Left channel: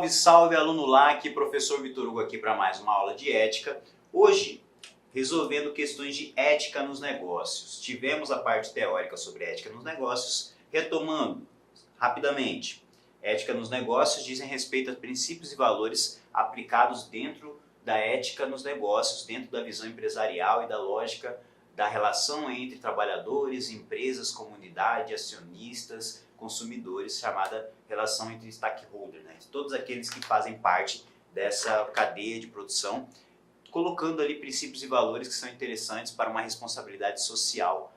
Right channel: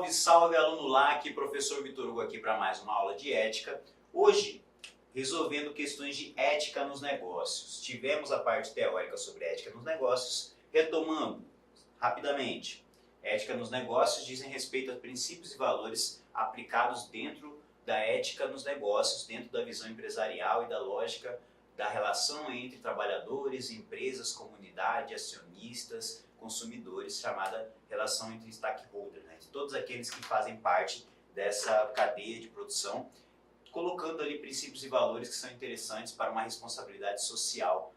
Salve, salve, aluno LAC, professor Vitor Hugo aqui para mais uma aula de ética. Hoje, resolvendo questões de ética nos negócios. Tivemos a parte teórica sobre ética nos negócios, retomando rapidamente. Ética nos negócios dizem respeito a princípios e valores aplicados dentro da ética nos negócios, dentro da visão empresarial e da lógica da relação entre trabalhadores, empresas, comunidade, acionistas, consumidores, chamada relação entre stakeholders, né? Todos aqueles que fazem parte dessa cadeia de produção, colocando ali princípios e valores que são interessantes para uma responsabilidade social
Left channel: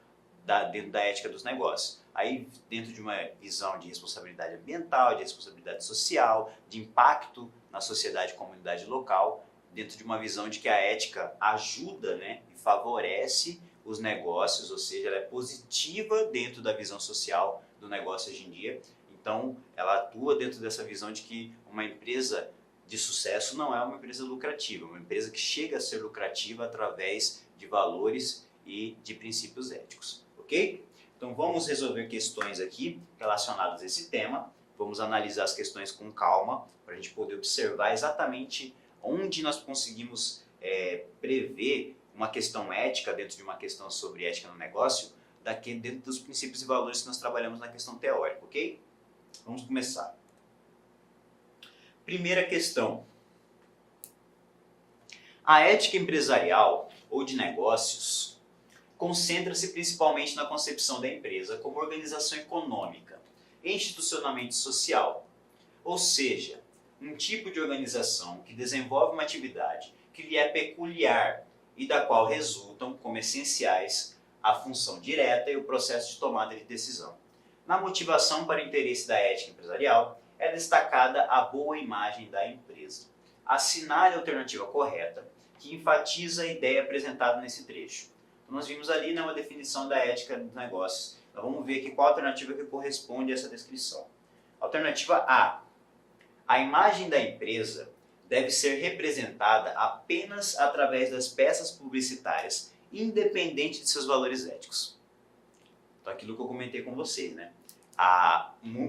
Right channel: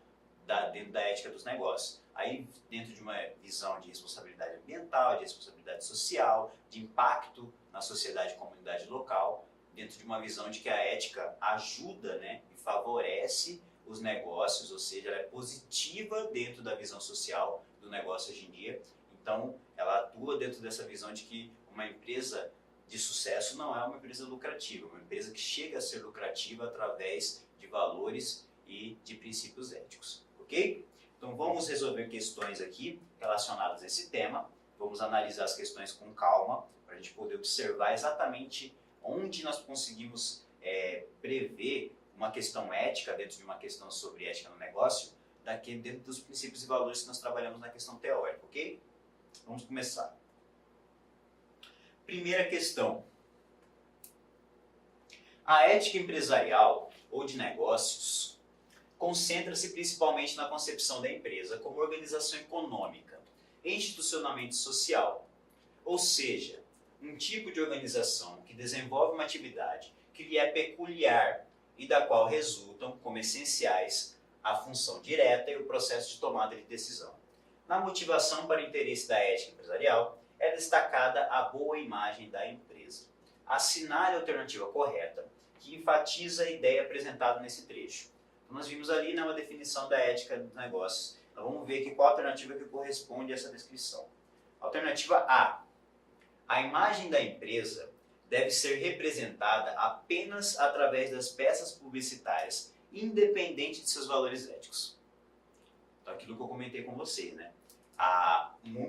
dentro da ética dos negócios. Aí, dentro de uma visão de responsabilidade ambiental, de responsabilidade social, de impacto na sociedade e comunidade local, dentro de uma visão de que a ética ajuda, né, e favorece os negócios, ou seja, ela é positiva dentro da visão social do negócio hoje em dia. Então, ela atua dentro dessa visão de que uma empresa de sucesso não é uma empresa lucrativa, uma empresa que chega a ser lucrativa através de valores e de princípios éticos, ok? Então, vamos resolver questões aqui relacionadas a esse tema, vamos analisar as questões com calma, para a gente poder observar exatamente onde nós conseguimos prever uma questão ética dentro de uma questão sobre ética no negócio, dentro dos princípios e valores que nós trabalhamos na questão teórica, ok? Vamos começar. Primeira questão. A ética empresarial ou de negócios concentra-se principalmente na concepção da empresa como organização econômica e institucionalmente social, ou seja, um tipo de organização que desenvolve uma atividade que lhe é peculiar e da qual resultam como essenciais a função direta e o processo de tomada de decisão. Na motivação para o interesse da ética empresarial é destacada a boa imagem da empresa. Assinale a alternativa correta, que enfatiza a ideia apresentada nesse trecho. Então, nós vimos ali uma definição da ética dos negócios. Então, vamos ver aqui qual alternativa que corresponde a essa descrição. Alternativa A. A imagem da empresa deve ser representada apenas através das peças publicitárias, independente de seus valores éticos. Então, aquilo que eu comentei com você, né?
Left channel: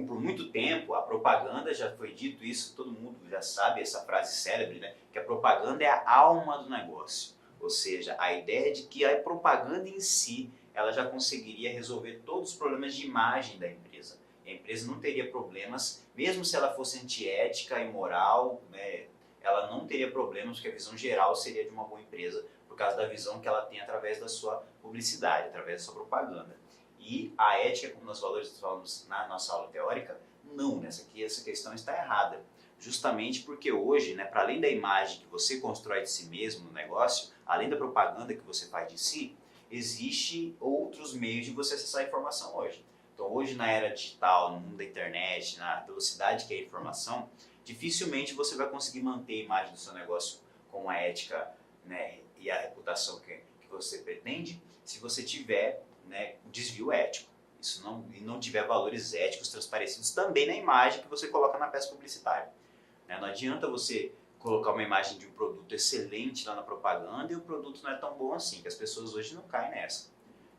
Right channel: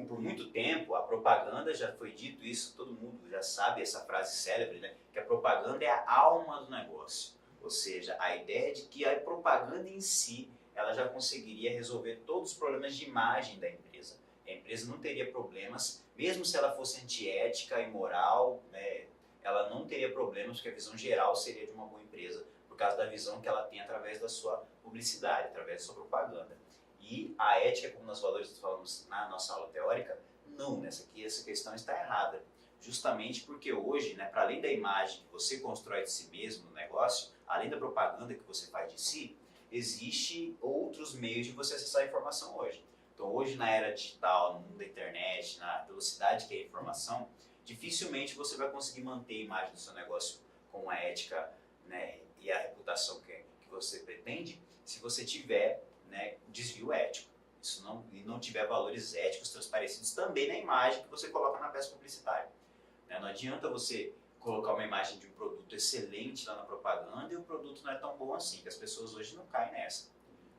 Por muito tempo, a propaganda, já foi dito isso, todo mundo já sabe essa frase célebre, né? Que a propaganda é a alma do negócio. Ou seja, a ideia de que a propaganda em si, ela já conseguiria resolver todos os problemas de imagem da empresa. A empresa não teria problemas, mesmo se ela fosse antiética, imoral, né? Ela não teria problemas, porque a visão geral seria de uma boa empresa, por causa da visão que ela tem através da sua publicidade, através da sua propaganda. E a ética, como nós falamos na nossa aula teórica, não, essa questão está errada. Justamente porque hoje, né, para além da imagem que você constrói de si mesmo no negócio, além da propaganda que você faz de si, existe outros meios de você acessar a informação hoje. Então hoje, na era digital, no mundo da internet, na velocidade que é a informação, dificilmente você vai conseguir manter a imagem do seu negócio com a ética, né, e a reputação que você pretende, se você tiver, né, o desvio ético. E não tiver valores éticos transparecidos também na imagem que você coloca na peça publicitária. Não adianta você colocar uma imagem de um produto excelente lá na propaganda e o produto não é tão bom assim, que as pessoas hoje não caem nessa.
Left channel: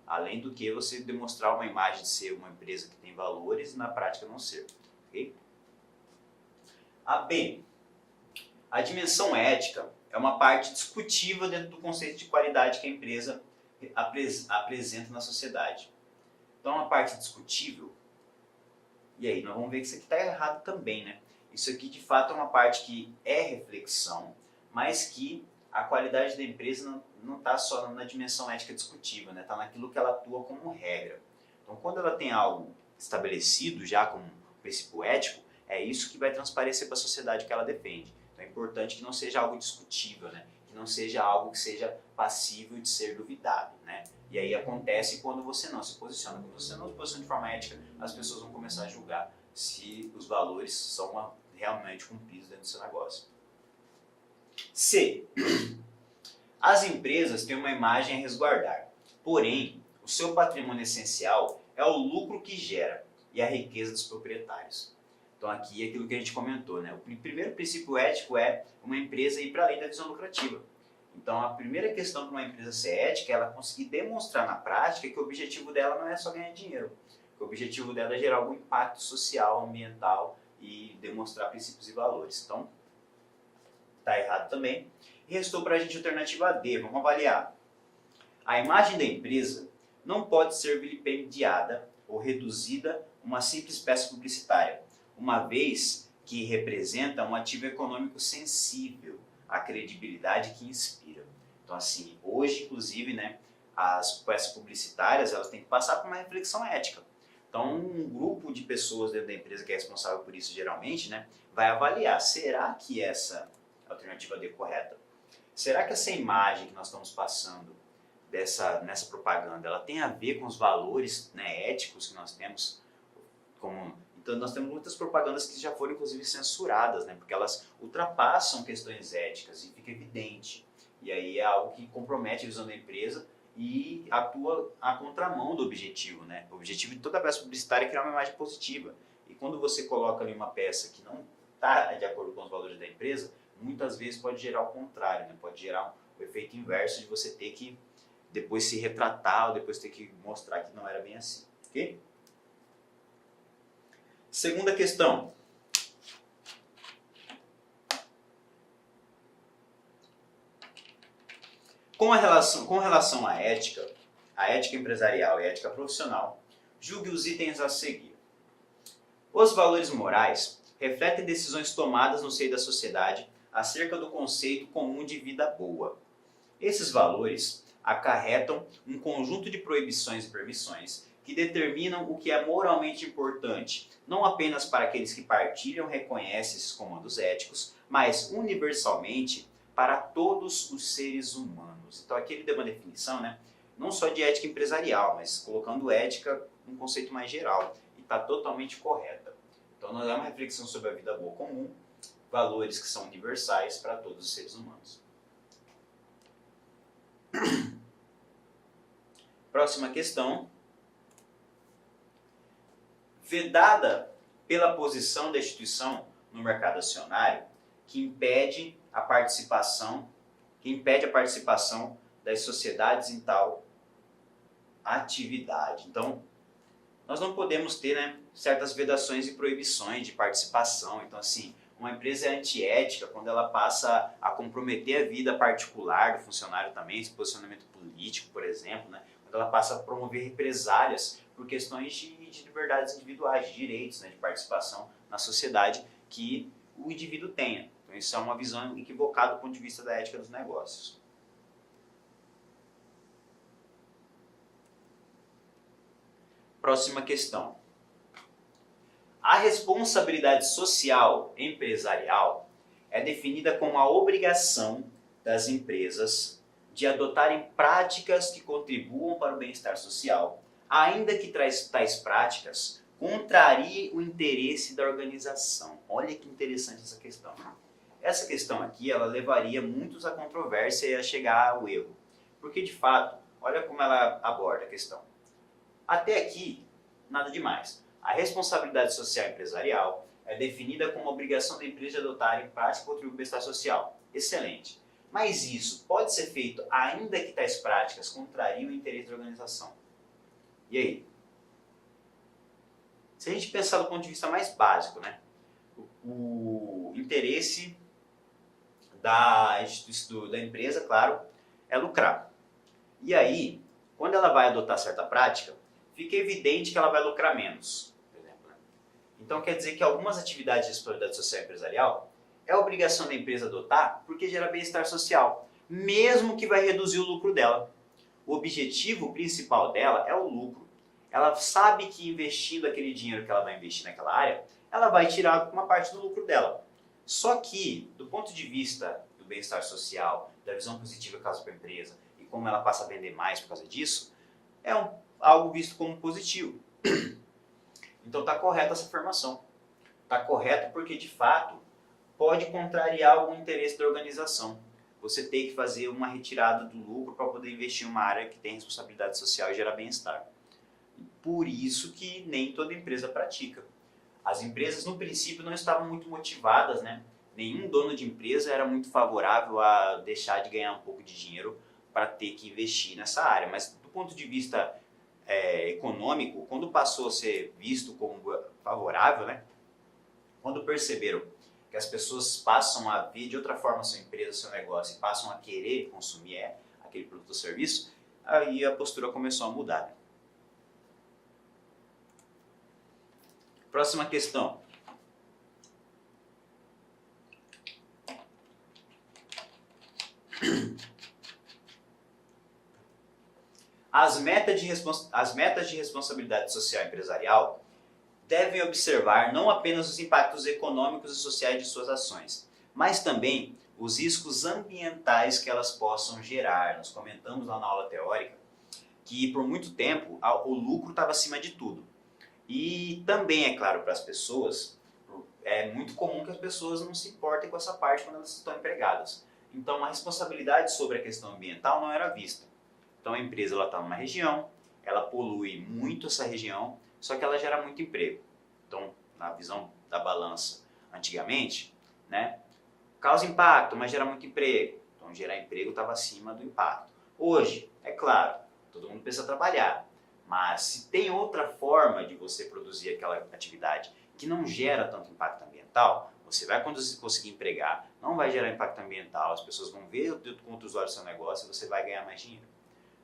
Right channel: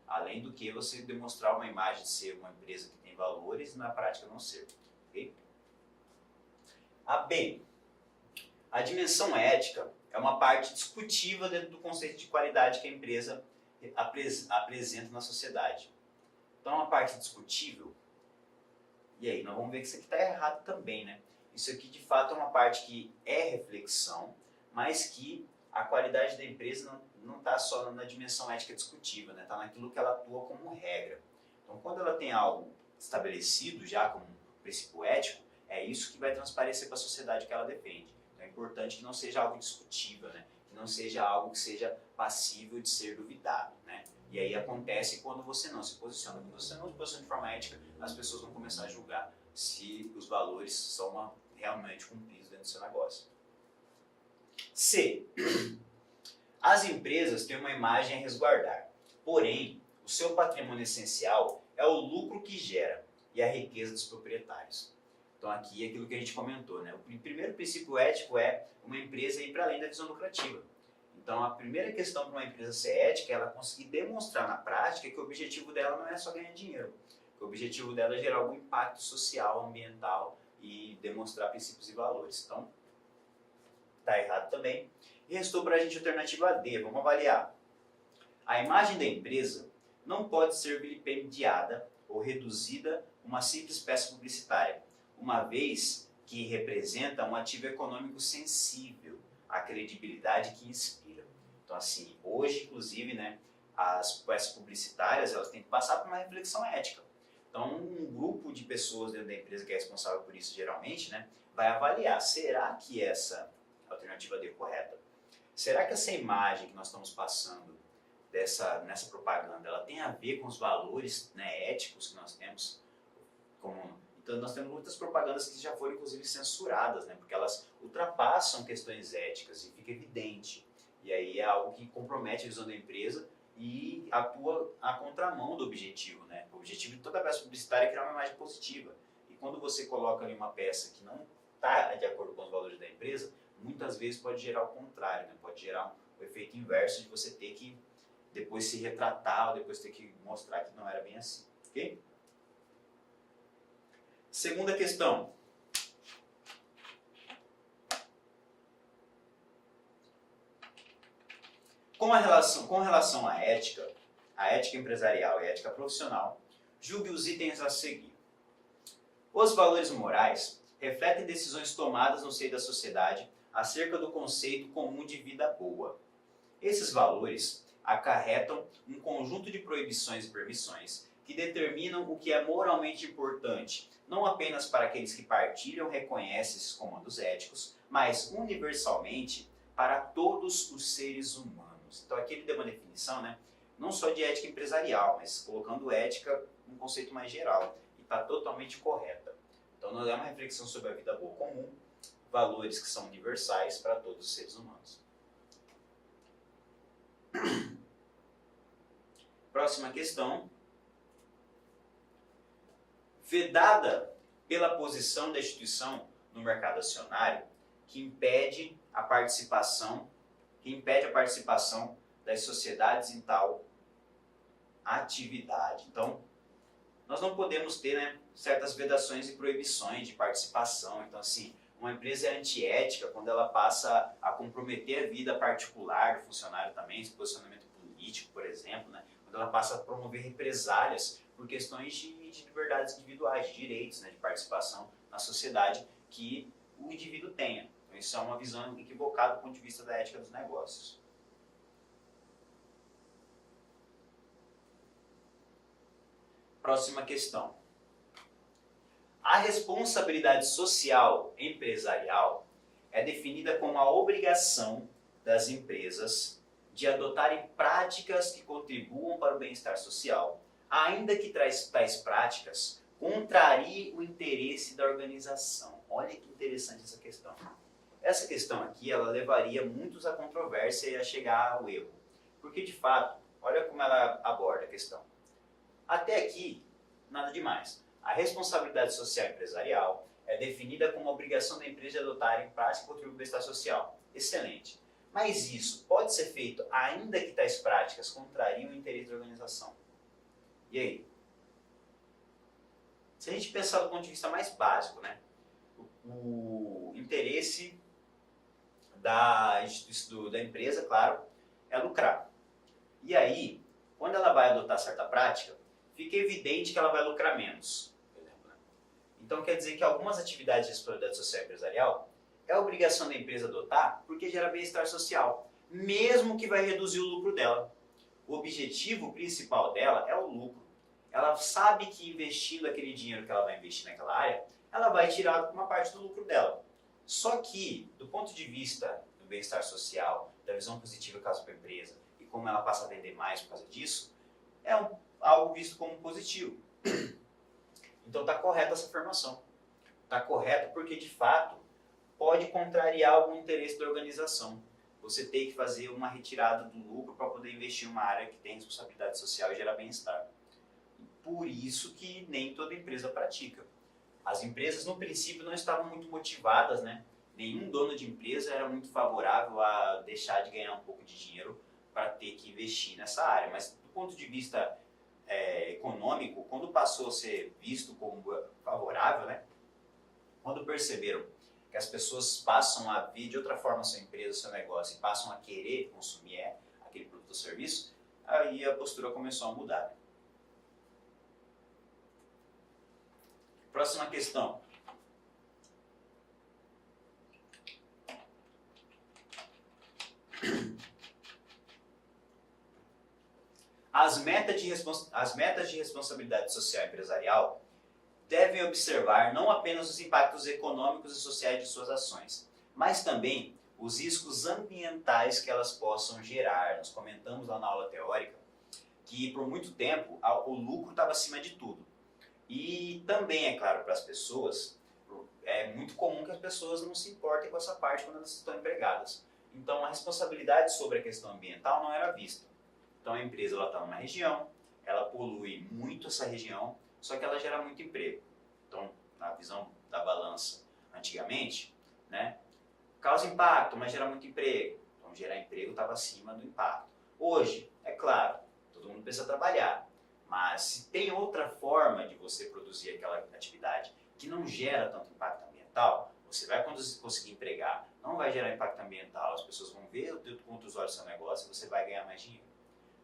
Além do que você demonstrar uma imagem de ser uma empresa que tem valores e na prática não ser. Okay? A B. A dimensão ética é uma parte discutível dentro do conceito de qualidade que a empresa apresenta na sociedade. Então é uma parte discutível. E aí, nós vamos ver que isso aqui está errado também, né? Isso aqui de fato é uma parte que é reflexão, mas que a qualidade da empresa não está só na dimensão ética discutível, né? Está naquilo que ela atua como regra. Então quando ela tem algo estabelecido já como princípio ético, é isso que vai transparecer para a sociedade que ela defende. Então é importante que não seja algo discutível, né? Que não seja algo que seja passível de ser duvidado, né? E aí acontece quando você não se posiciona. Quando você não se posiciona de forma ética, as pessoas vão começar a julgar se os valores são realmente cumpridos dentro do seu negócio. C. As empresas têm uma imagem a resguardar, porém, o seu patrimônio essencial é o lucro que gera e a riqueza dos proprietários. Então aqui é aquilo que a gente comentou, né? O primeiro princípio ético é uma empresa ir para além da visão lucrativa. Então a primeira questão para uma empresa ser ética é ela conseguir demonstrar na prática que o objetivo dela não é só ganhar dinheiro. O objetivo dela é gerar algum impacto social, ambiental e demonstrar princípios e valores. Então, está errado também. E restou para a gente a alternativa D. Vamos avaliar. A imagem da empresa não pode ser vilipendiada ou reduzida a uma simples peça publicitária, uma vez que representa um ativo econômico sensível, a credibilidade que inspira. Então, assim, hoje, inclusive, né, as peças publicitárias elas têm que passar por uma reflexão ética. Então, um grupo de pessoas dentro da empresa que é responsável por isso, geralmente, né, vai avaliar, será que essa alternativa D é correta? Será que essa imagem que nós estamos passando nessa propaganda, ela tem a ver com os valores, né, éticos que nós temos? Então, nós temos muitas propagandas que já foram, inclusive, censuradas, né, porque elas ultrapassam questões éticas e fica evidente. E aí é algo que compromete a visão da empresa e atua à contramão do objetivo, né? O objetivo de toda peça publicitária é criar uma imagem positiva. E quando você coloca ali uma peça que não está de acordo com os valores da empresa, muitas vezes pode gerar o contrário, né? Pode gerar o efeito inverso de você ter que depois se retratar ou depois ter que mostrar que não era bem assim. Ok? Segunda questão. Com relação à ética empresarial e à ética profissional, julgue os itens a seguir. Os valores morais refletem decisões tomadas no seio da sociedade acerca do conceito comum de vida boa. Esses valores acarretam um conjunto de proibições e permissões que determinam o que é moralmente importante, não apenas para aqueles que partilham e reconhecem esses comandos éticos, mas universalmente para todos os seres humanos. Então aqui ele deu uma definição, né, não só de ética empresarial, mas colocando ética num conceito mais geral, e está totalmente correta. Então nós damos uma reflexão sobre a vida boa comum, valores que são universais para todos os seres humanos. Próxima questão. Vedada pela posição da instituição no mercado acionário, que impede a participação das sociedades em tal atividade. Então, nós não podemos ter, né, certas vedações e proibições de participação. Então, assim, uma empresa é antiética quando ela passa a comprometer a vida particular do funcionário também, esse posicionamento político, por exemplo, né, quando ela passa a promover represálias por questões de liberdades individuais, de direitos, né, de participação na sociedade que o indivíduo tenha. Então, isso é uma visão equivocada do ponto de vista da ética dos negócios. Próxima questão. A responsabilidade social empresarial é definida como a obrigação das empresas de adotarem práticas que contribuam para o bem-estar social, ainda que tais práticas contrariem o interesse da organização. Olha que interessante essa questão. Essa questão aqui, ela levaria muitos à controvérsia e a chegar ao erro. Porque, de fato, olha como ela aborda a questão. Até aqui, nada demais. A responsabilidade social empresarial é definida como a obrigação da empresa de adotar em prática e contribuir para o bem-estar social. Excelente. Mas isso pode ser feito ainda que tais práticas contrariem o interesse da organização. E aí? Se a gente pensar do ponto de vista mais básico, né? O interesse da empresa, claro, é lucrar. E aí, quando ela vai adotar certa prática, fica evidente que ela vai lucrar menos, por exemplo, né? Então quer dizer que algumas atividades de responsabilidade social empresarial é obrigação da empresa adotar porque gera bem-estar social, mesmo que vai reduzir o lucro dela. O objetivo principal dela é o lucro. Ela sabe que investindo aquele dinheiro que ela vai investir naquela área, ela vai tirar uma parte do lucro dela. Só que, do ponto de vista do bem-estar social, da visão positiva que causa para a empresa e como ela passa a vender mais por causa disso, é algo visto como positivo. Então está correta essa afirmação. Está correto porque, de fato, pode contrariar algum interesse da organização. Você tem que fazer uma retirada do lucro para poder investir em uma área que tem responsabilidade social e gerar bem-estar. Por isso que nem toda empresa pratica. As empresas, no princípio, não estavam muito motivadas, né? Nenhum dono de empresa era muito favorável a deixar de ganhar um pouco de dinheiro para ter que investir nessa área. Mas, do ponto de vista econômico, quando passou a ser visto como favorável, né? Quando perceberam que as pessoas passam a ver de outra forma a sua empresa, seu negócio, e passam a querer consumir aquele produto ou serviço, aí a postura começou a mudar. Próxima questão. As metas de responsabilidade social empresarial devem observar não apenas os impactos econômicos e sociais de suas ações, mas também os riscos ambientais que elas possam gerar. Nós comentamos lá na aula teórica que por muito tempo o lucro estava acima de tudo. E também, é claro, para as pessoas, é muito comum que as pessoas não se importem com essa parte quando elas estão empregadas. Então a responsabilidade sobre a questão ambiental não era vista. Então a empresa está numa região, ela polui muito essa região, só que ela gera muito emprego. Então, na visão da balança antigamente, né, causa impacto, mas gera muito emprego. Então gerar emprego estava acima do impacto. Hoje, é claro, todo mundo precisa trabalhar, mas se tem outra forma de você produzir aquela atividade que não gera tanto impacto ambiental, você vai conseguir empregar, não vai gerar impacto ambiental, as pessoas vão ver com outros olhos o seu negócio e você vai ganhar mais dinheiro.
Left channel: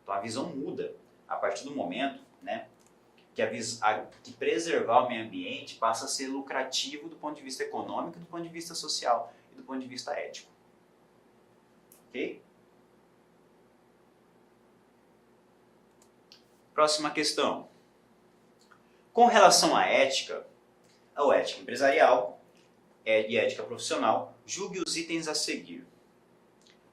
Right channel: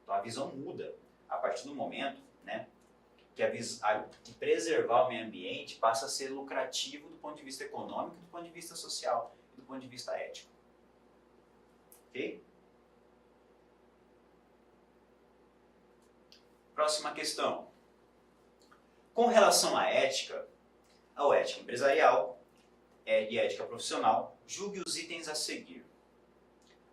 Então a visão muda a partir do momento, né, que preservar o meio ambiente passa a ser lucrativo do ponto de vista econômico, do ponto de vista social e do ponto de vista ético. Ok? Próxima questão. Com relação à ética, ou ética empresarial e ética profissional, julgue os itens a seguir.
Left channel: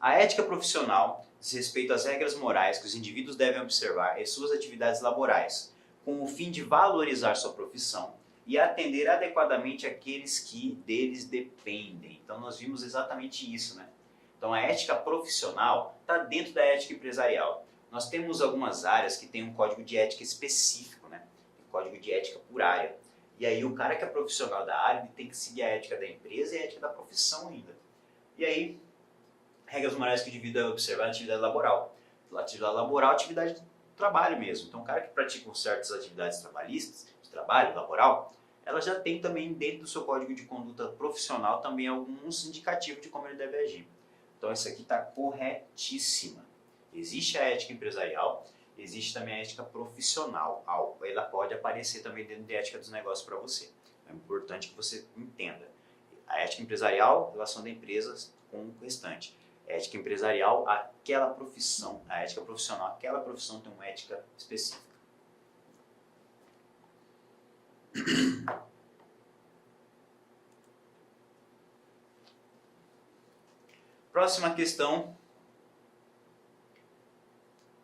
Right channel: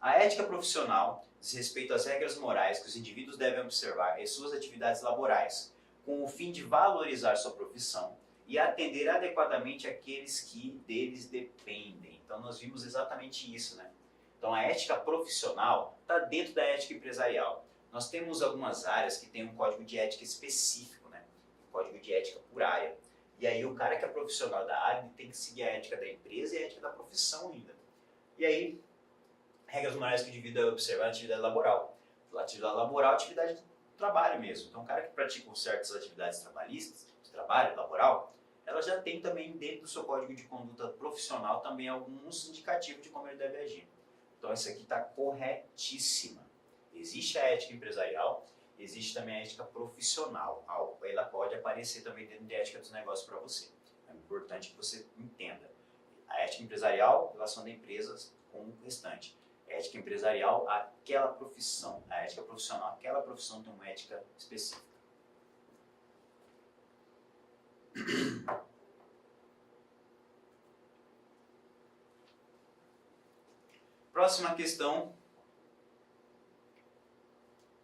A ética profissional diz respeito às regras morais que os indivíduos devem observar em suas atividades laborais, com o fim de valorizar sua profissão e atender adequadamente aqueles que deles dependem. Então nós vimos exatamente isso, né? Então a ética profissional está dentro da ética empresarial. Nós temos algumas áreas que têm um código de ética específico, né? Um código de ética por área. E aí o cara que é profissional da área ele tem que seguir a ética da empresa e a ética da profissão ainda. E aí, regras morais que o indivíduo deve observar na atividade laboral. Atividade laboral é atividade de trabalho mesmo. Então o cara que pratica certas atividades trabalhistas, de trabalho, laboral, ela já tem também dentro do seu código de conduta profissional também alguns indicativos de como ele deve agir. Então essa aqui está corretíssima. Existe a ética empresarial, existe também a ética profissional. Ela pode aparecer também dentro da ética dos negócios para você. É importante que você entenda. A ética empresarial, relação da empresa com o restante. A ética empresarial, aquela profissão. A ética profissional, aquela profissão tem uma ética específica. Próxima questão.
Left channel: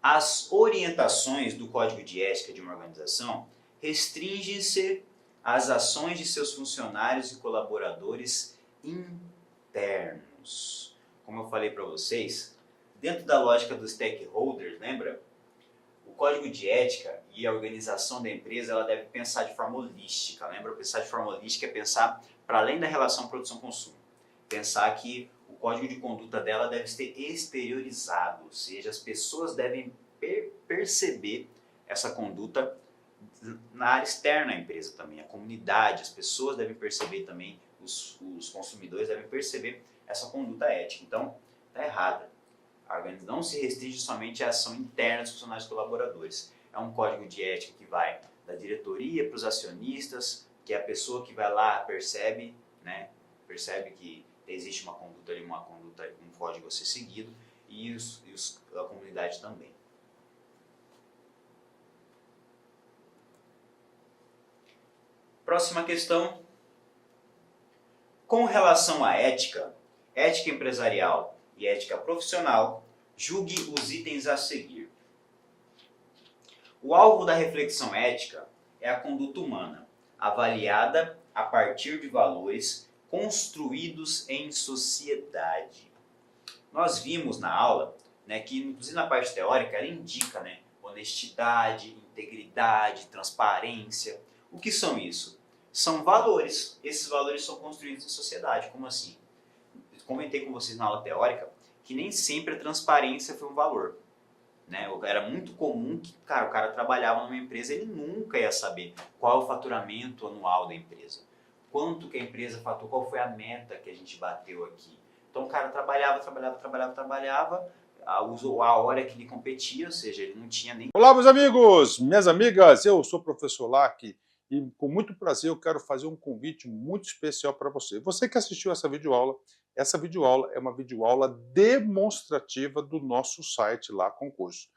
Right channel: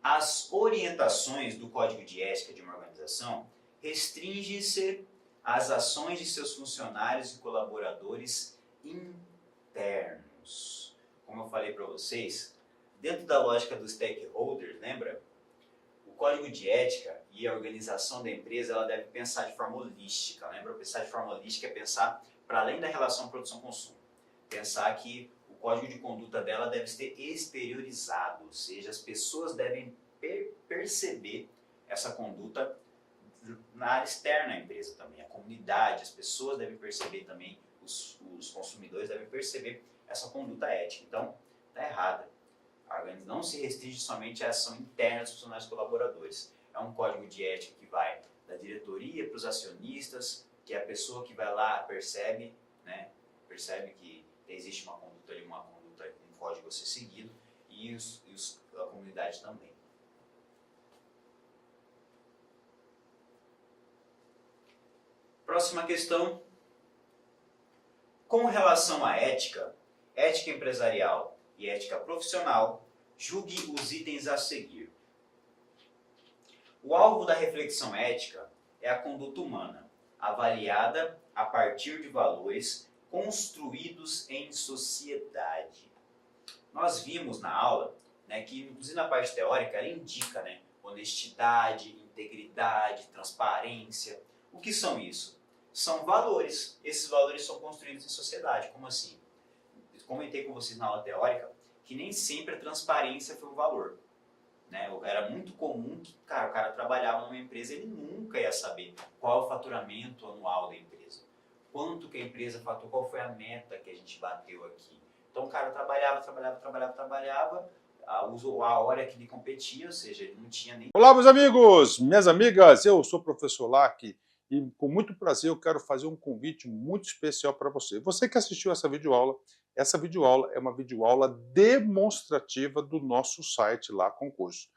As orientações do Código de Ética de uma organização restringem-se às ações de seus funcionários e colaboradores internos. Como eu falei para vocês, dentro da lógica dos stakeholders, lembra? O Código de Ética e a organização da empresa ela deve pensar de forma holística. Lembra? Pensar de forma holística é pensar para além da relação produção-consumo. Pensar que o código de conduta dela deve ser exteriorizado, ou seja, as pessoas devem perceber essa conduta na área externa da empresa também, a comunidade, as pessoas devem perceber também, os consumidores devem perceber essa conduta ética. Então, está errada. A organização não se restringe somente à ação interna dos funcionários e colaboradores. É um código de ética que vai da diretoria para os acionistas, que é a pessoa que vai lá percebe, né, percebe que existe uma conduta ali, um código a ser seguido, e a comunidade também. Próxima questão. Com relação à ética, ética empresarial e ética profissional, julgue os itens a seguir. O alvo da reflexão ética é a conduta humana, avaliada a partir de valores construídos em sociedade. Nós vimos na aula, né, que, inclusive na parte teórica, ela indica, né, honestidade, integridade, transparência. O que são isso? São valores. Esses valores são construídos em sociedade. Como assim? Eu comentei com vocês na aula teórica que nem sempre a transparência foi um valor. Né? Era muito comum que o cara trabalhava numa empresa e ele nunca ia saber qual é o faturamento anual da empresa. quanto que a empresa faturou, qual foi a meta que a gente bateu aqui. Então o cara trabalhava, a hora que ele competia, ou seja, ele não tinha nem... Olá, meus amigos, minhas amigas, eu sou o professor Lac e com muito prazer eu quero fazer um convite muito especial para você. Você que assistiu essa videoaula é uma videoaula demonstrativa do nosso site lá Concurso.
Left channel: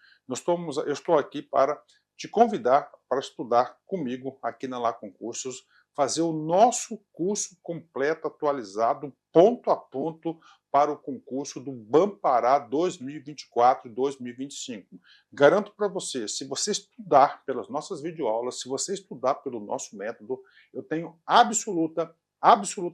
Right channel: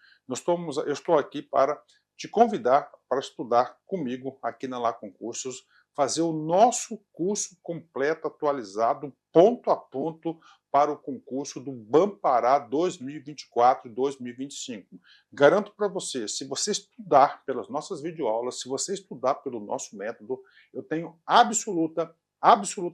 Eu estou aqui para te convidar para estudar comigo aqui na Lá Concursos, fazer o nosso curso completo, atualizado, ponto a ponto, para o concurso do Bampará 2024 e 2025. Garanto para você, se você estudar pelas nossas videoaulas, se você estudar pelo nosso método, eu tenho absoluta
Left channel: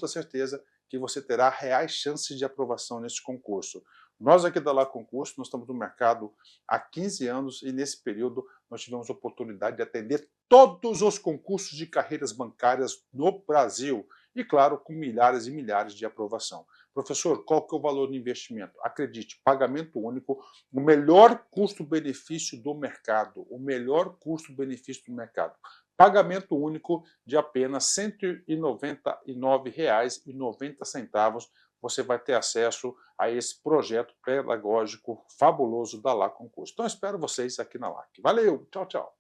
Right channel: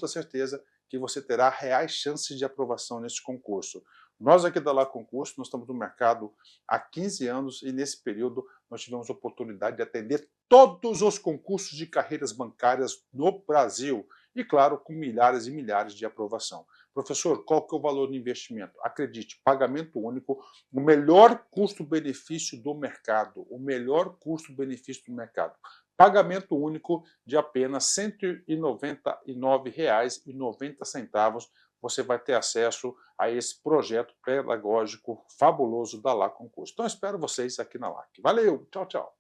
certeza que você terá reais chances de aprovação nesse concurso. Nós aqui da Lá Concurso, nós estamos no mercado há 15 anos e nesse período nós tivemos a oportunidade de atender todos os concursos de carreiras bancárias no Brasil e, claro, com milhares e milhares de aprovação. Professor, qual que é o valor do investimento? Acredite, pagamento único, o melhor custo-benefício do mercado, o melhor custo-benefício do mercado. Pagamento único de apenas R$ 199,90. Você vai ter acesso a esse projeto pedagógico fabuloso da Lá Concurso. Então, eu espero vocês aqui na LAC. Valeu, tchau, tchau.